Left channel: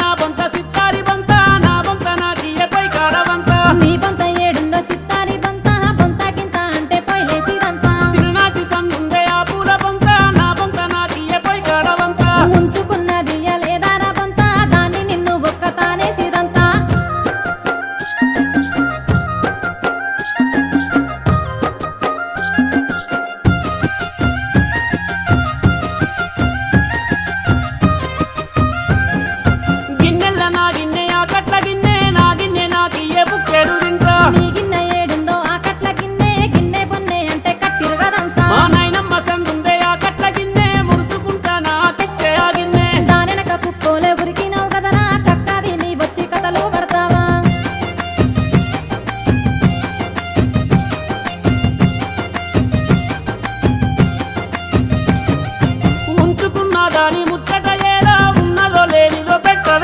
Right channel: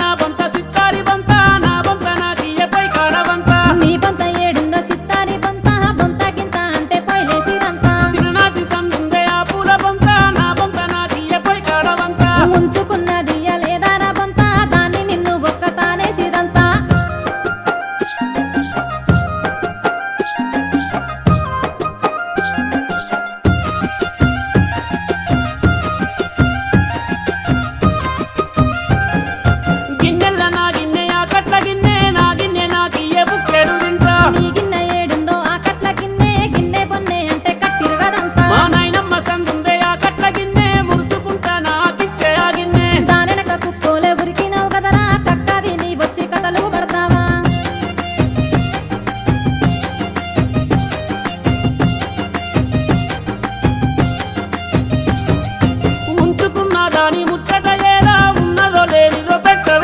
నా బొంత సిత్తారి బొంత నా బొంత నాకియ్య పై కాడవంత నీ బొంత ఏడుందో చిత్తారి బొంత బొంత గింత అంటే పొయ్యిలేసిదంతా చిన్ననాటి సందుందే ఆ పూల బొంత నా బొంత నాకియ్య పై కాడవంత ఉంచుకున్నది లేదారా బొంత దాన్ని నిన్ను ఒక్క తానేసిదంతా గిన్నెల నా గిన్నె ఆ కట్ల గిన్నె నా గిన్నె నాకియ్యే బుక్కేడు తింటా నీ గిన్నె ఏడుందో ఆ కట్ల గిన్నె గిన్నె బొన్నె అంటే కట్టిరుగదంతా మా నాయనమ్మ సందుందే ఆ కట్ల గిన్నె మురుసుకుంటా నాకిచ్చే ఆ గిన్నె దానెనక కుక్కోలే ఉరికినావు కదరా కక్కది నీ వచ్చి కథలు పడతావా ఉంచుకున్న దాని ముచ్చట ఎలా ఉన్నదో లేనిదో పెట్ట